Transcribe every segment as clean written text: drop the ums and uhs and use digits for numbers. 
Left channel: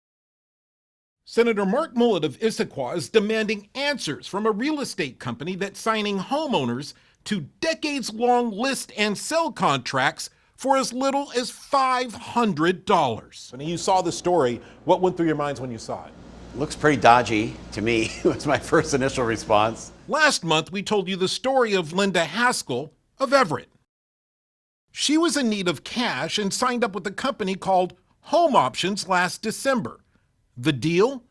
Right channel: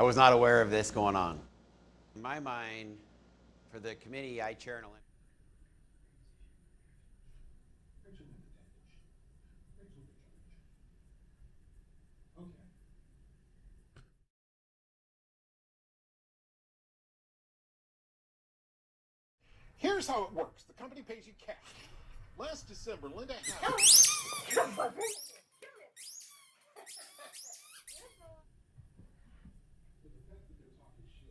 I was not aware of this going on. Senator Mark Mullet of Issaquah is demanding answers from a real estate company that's signing homeowners to decades-long list and sell contracts for as little as $500. When you saw the story, what went through your minds when you saw it? Looks pretty dodgy to me, was my first initial response. Last month, we told you the story of Linda Haskell of Everett. She was in need of cash and signed up with a company called Home Options last December. The deal?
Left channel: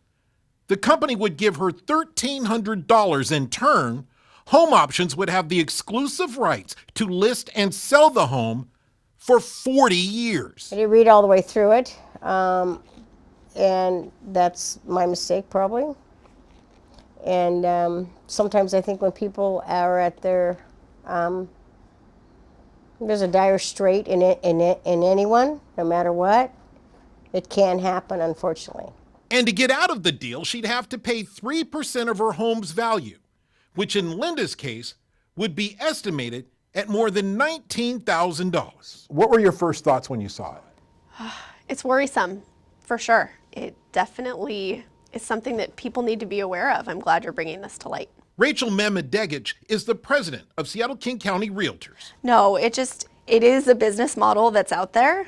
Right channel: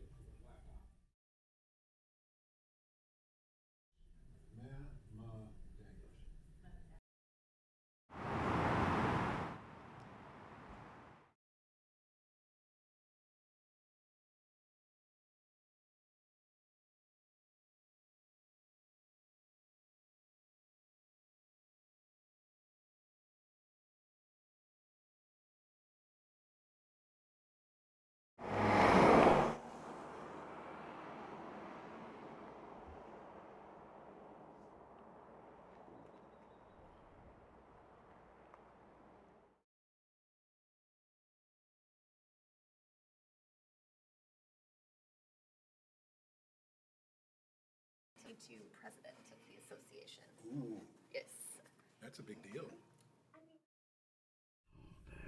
The company would give her $1,300 in turn. Home Options would have the exclusive rights to list and sell the home for 40 years. I didn't read all the way through it, and that's my mistake probably. And sometimes I think when people are at their, there's a dire strait in anyone, no matter what, it can happen, unfortunately. And to get out of the deal, she'd have to pay 3% of her home's value, which in Linda's case would be estimated at more than $19,000. What were your first thoughts when you saw it? It's worrisome, for sure. It definitely is something that people need to be aware of. I'm glad you're bringing this to light. Rachel Memedegich is the president of Seattle King County Realtors. No, it is a business model that's out there.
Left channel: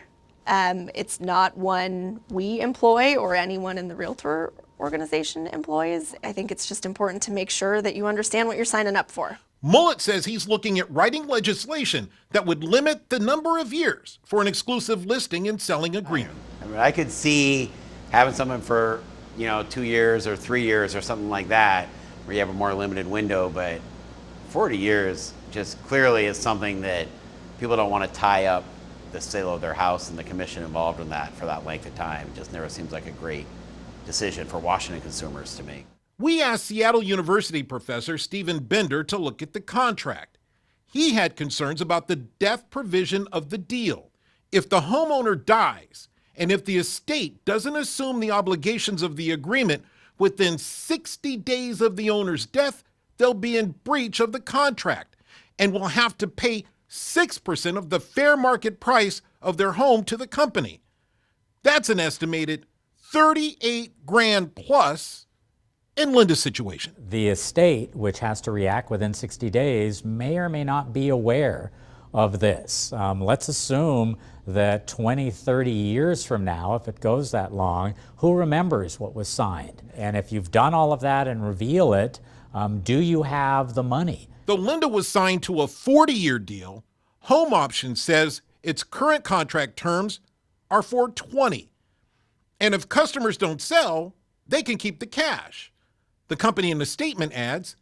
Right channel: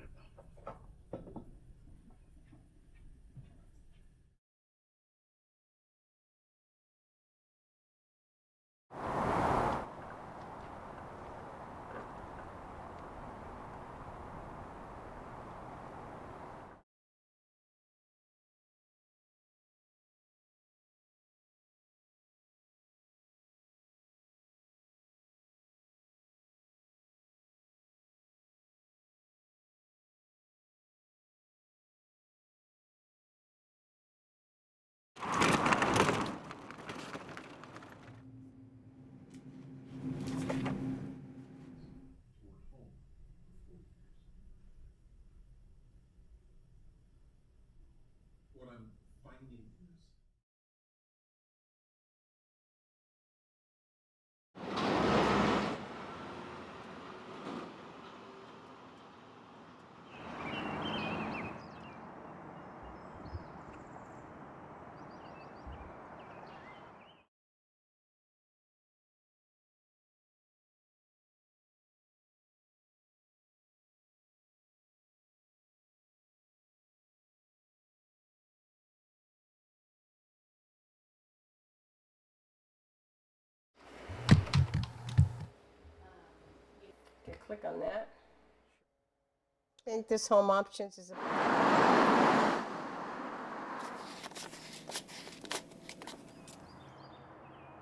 It's not one we employ or anyone in the realtor organization employs. I think it's just important to make sure that you understand what you're signing up for. Mullet says he's looking at writing legislation that would limit the number of years for an exclusive listing and selling agreement. I mean, I could see having someone for, 2 years or 3 years or something like that, where you have a more limited window, but 40 years just clearly is something that people don't want to tie up the sale of their house and the commission involved in that for that length of time. It just never seems like a great decision for Washington consumers. We asked Seattle University professor Stephen Bender to look at the contract. He had concerns about the death provision of the deal. If the homeowner dies, and if the estate doesn't assume the obligations of the agreement within 60 days of the owner's death, they'll be in breach of the contract and will have to pay 6% of the fair market price of their home to the company. That's an estimated 38 grand plus in Linda's situation. The estate, which has to react within 60 days, may or may not be aware of this. Let's assume that 20, 30 years from now, if it goes that long, who remembers what was signed? And if you've done all of that and reveal it, do you have the money? Though Linda was signed to a 40-year deal, Home Options says its current contract terms are for 20. And if customers don't sell, they can keep the cash. The company in the statement adds,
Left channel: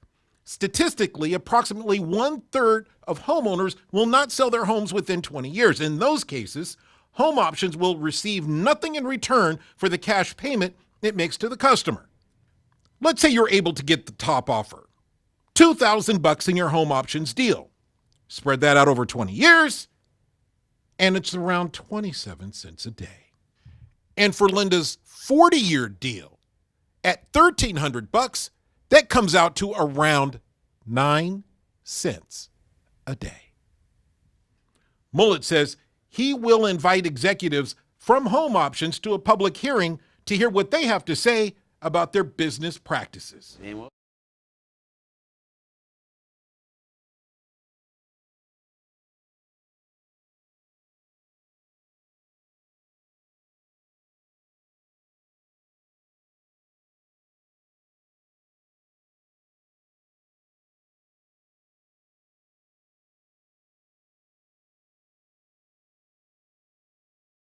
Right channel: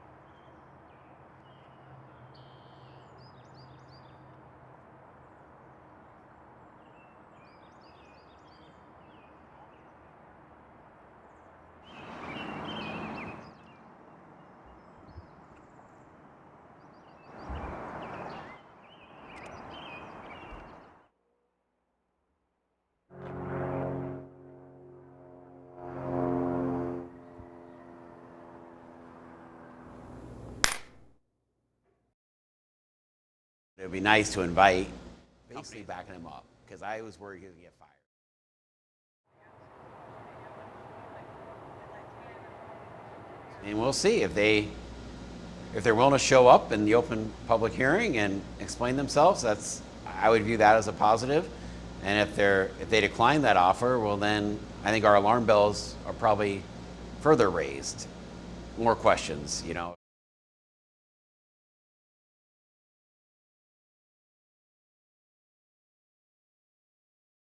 statistically, approximately 1/3 of homeowners will not sell their homes within 20 years. In those cases, Home Options will receive nothing in return for the cash payment it makes to the customer. Let's say you're able to get the top offer, $2,000 in your Home Options deal. Spread that out over 20 years, and it's around 27 cents a day. And for Linda's 40-year deal, at $1,300, that comes out to around 9 cents a day. It would be nice to invite. Mullet says he will invite executives from Home Options to a public hearing to hear what they have to say about their business practices. And we'll see if they're willing to show up in the open public hearing and explain themselves. I would view that as a positive. And if they decline that offer, well then I think our alarm bells are probably further raised. More questions,